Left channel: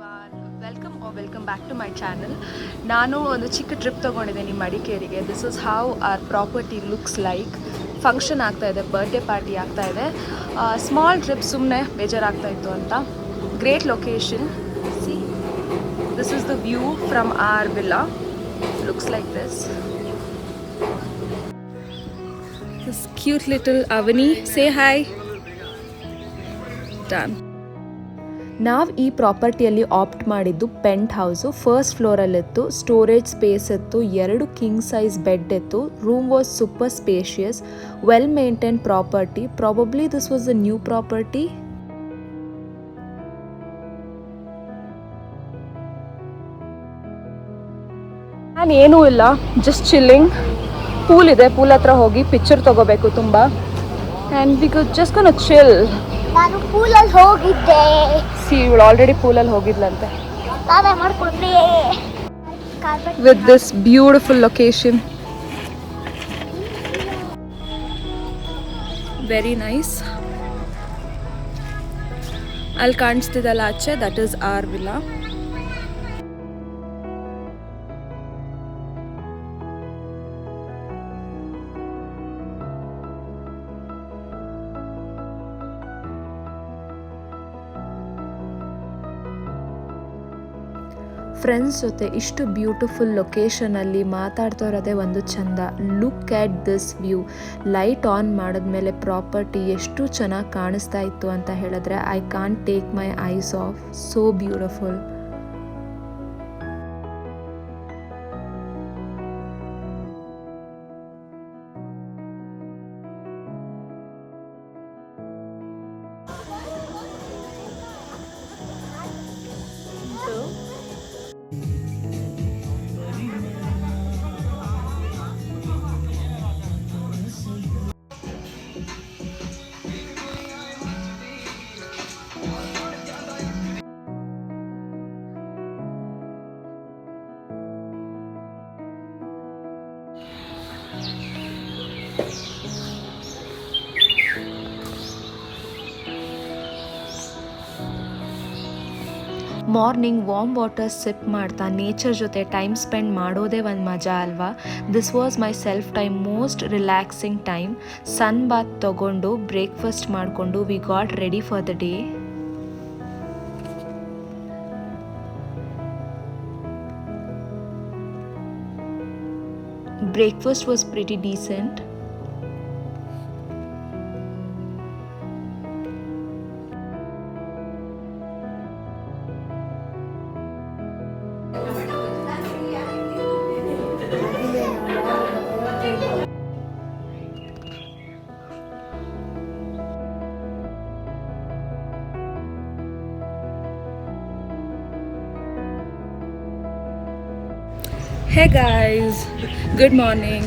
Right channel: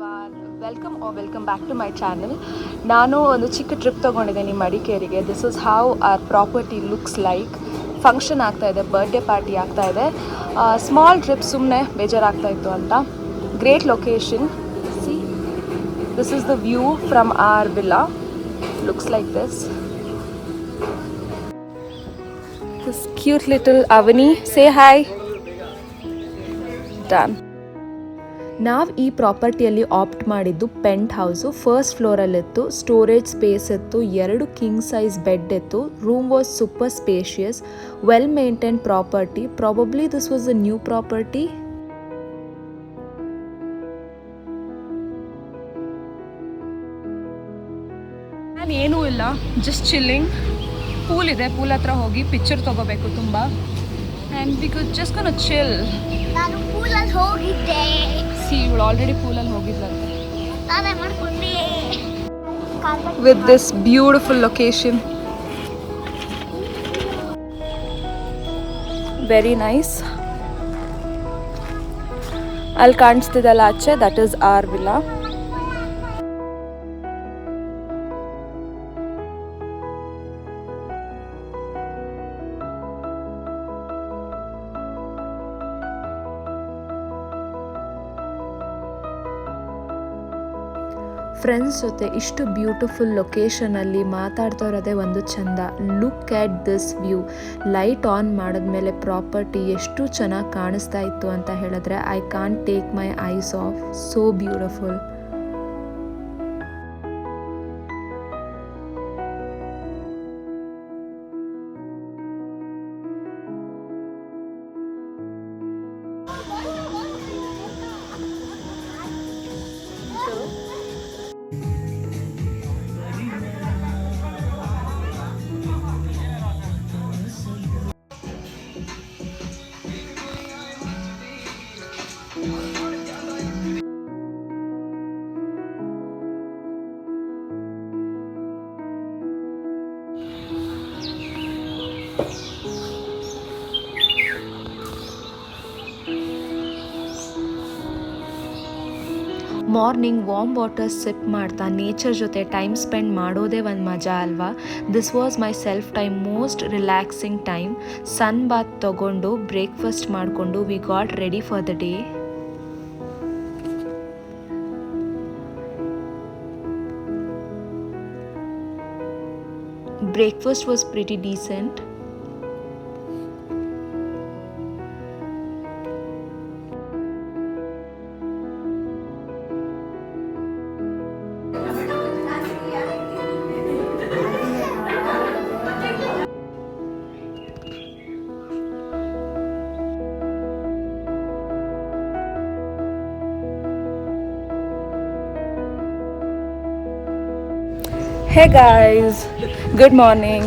Everyone, welcome back to my channel. ನಾನು ಒಂದು ಚಿಕ್ಕ ಟ್ರಿಪ್ ತೊಗೊಂಡಿದ್ದೀನಿ ಮಡಿಕೇರಿಗೆ. This is how our property looks like. Function ಆಗ್ತಾಯಿದೆ, ಬರ್ಡೇ ಪಾರ್ಟಿ ಆಗ್ತಾಯಿದೆ. ಸ್ಮಾಲ್ ಟ್ರಿಪ್, ಸುಮ್ಮನೆ ಬೇಜಾರಾಗ್ತಾಯಿತ್ತು ಅಂತ. Great location. See, this is the view from our villa. Looks like this. This cute little Avani. Say hi. Done. ನಾವು ಈ ಪ್ರಾಪರ್ಟಿಯಲ್ಲಿ apt ಮಾಡಿದ್ದು ಪೆಂಟ್ house. First ಫ್ಲೋರಲ್ಲಿತ್ತು, storage space ಇತ್ತು, 2 king size bed ಇತ್ತು. Room was super spacious, well maintain property. Probably this was a new property. ನಾನು ಏನೂ ಇಲ್ಲ, just chilling. Pool ಇದೆ, pool ಹತ್ರ ಹೋಗಿ ಪಿಕ್ಚರ್ ತಗೋಬೇಕು ತುಂಬ. And we could just ಗೋನ chill. ನಾನು ಪೂಲಲ್ಲಿ ಹೋಗಿದ್ದೆ. ಸಿ, ಇವಳು ಆಲ್ರೆಡಿ ಪೂಲಲ್ಲಿ ಹೋಗಿದ್ಲಂತೆ. ನಾನೇ ಮಾಡ್ಕೊಂಡೆ. With this beautiful location, very nice. ಅಲ್ಲಿ ಕಾಣಿಸ್ತಿದಲ್ಲ ಆಚೆ, that is our villa. Friends ಜೊತೆ ಇಷ್ಟು ಬ್ಯೂಟಿಫುಲ್ ಲೊಕೇಶನಲ್ಲಿ ಮಾತಾಡ್ತಾ ಇರೋದೇ ಒಂದು ಚಂದ. Look at this view. Light on ಮಾಡಿದ್ಮೇಲೆ ಪ್ರಾಪರ್ಟಿ ಎಷ್ಟು ಚೆನ್ನಾಗಿ ಕಾಣಿಸ್ತಾ ಇತ್ತು ಅಂತ ಹೇಳಿದ್ರೆ I can't take my eyes off. So beautiful. Morning warm water sip ಮಾಡ್ತಾ ನೇಚರ್ ಜೊತೆ ಟೈಮ್ ಸ್ಪೆಂಡ್ ಮಾಡೋದೇ ಒಂದು ಮಜಾ ಅಲ್ವಾ. This was my self time, most relaxing time. ಸನ್ ಬಾತ್ ತಗೊಂಡು ಬ್ರೇಕ್ಫಾಸ್ಟ್ ಮಾಡಿಕೊಂಡು we got ready for the day. Breakfast was pretty decent. Hey guys, good morning.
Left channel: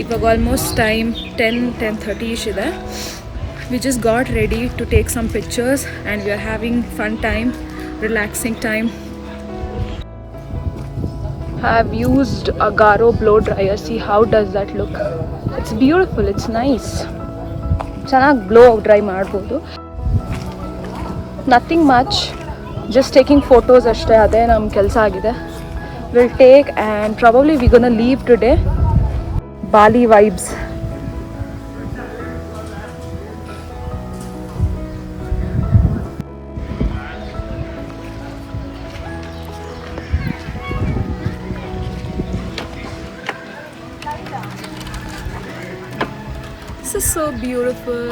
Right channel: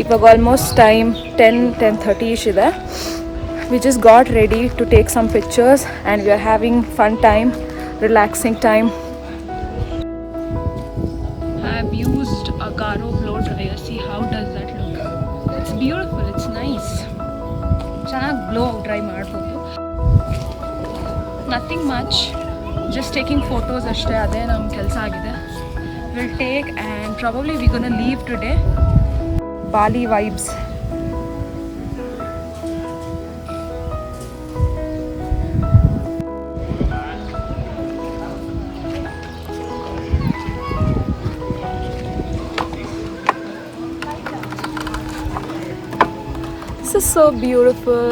ಇವಾಗ almost time 10:30ish ಇದೆ. We just got ready to take some pictures and we are having fun time, relaxing time. I've used a Garo blow dryer. See how does that look? It's beautiful, it's nice. ಚೆನ್ನಾಗಿ blow dry ಮಾಡ್ಬೋದು. Nothing much, just taking photos ಅಷ್ಟೇ. ಅದೇ ನಮ್ಮ ಕೆಲಸ ಆಗಿದೆ. We'll take and probably we're gonna leave today. Bali vibes. This is so beautiful.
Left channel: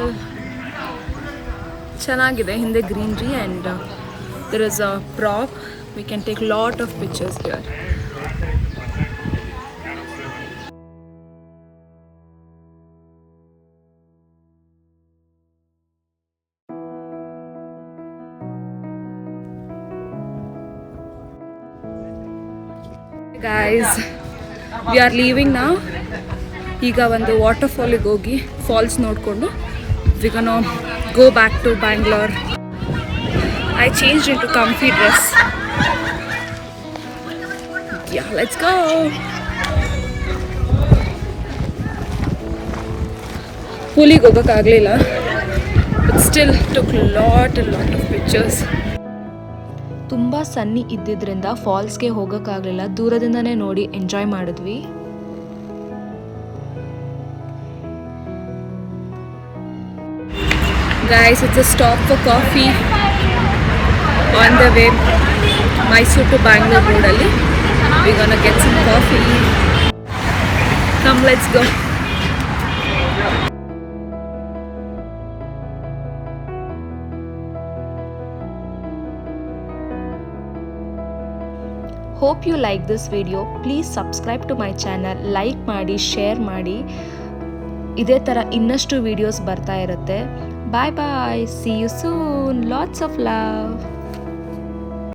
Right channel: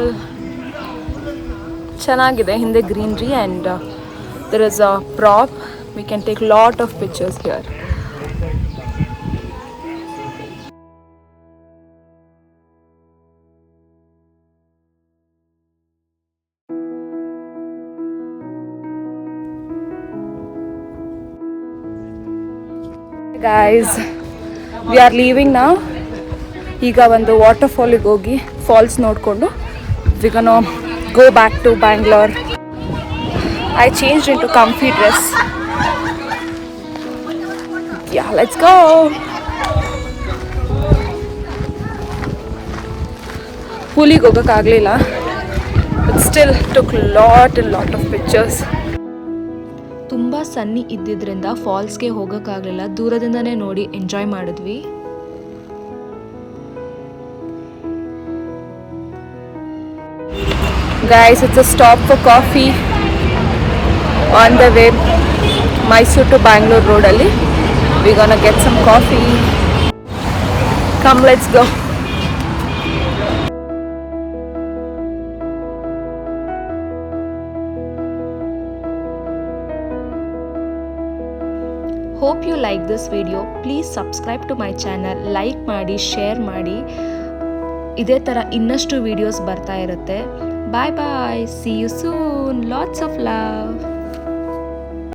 ಚೆನ್ನಾಗಿದೆ. ಹಿಂದೆ greenery and there is a prop. We can take lot of pictures here. Guys, we are leaving now. ಈಗ ಒಂದು ವಾಟರ್ಫಾಲಿಗೆ ಹೋಗಿ falls ನೋಡಿಕೊಂಡು we're gonna go back to Bangalore. I changed into comfy dress. Yeah, let's go. ಪೂಲಿಗೆ ಹೋಗೋಕ್ಕಾಗಲಿಲ್ಲ, but still took lot of pictures. ತುಂಬ ಸನ್ನಿ ಇದ್ದಿದ್ದರಿಂದ ಫಾಲ್ಸ್ಗೆ ಹೋಗೋಕ್ಕಾಗಲಿಲ್ಲ, ದೂರದಿಂದನೇ ನೋಡಿ enjoy ಮಾಡಿದ್ವಿ. Guys, it's a stop for coffee on the way Mysore to Bangalore road alli. We're gonna get some coffee. Come, let's go. Hope you like this video. Please subscribe to my channel, like ಮಾಡಿ, share ಮಾಡಿ. ಇದೇ ಥರ ಇನ್ನಷ್ಟು videos ಬರ್ತಾ ಇರುತ್ತೆ. Bye bye. See you soon. Lots of love.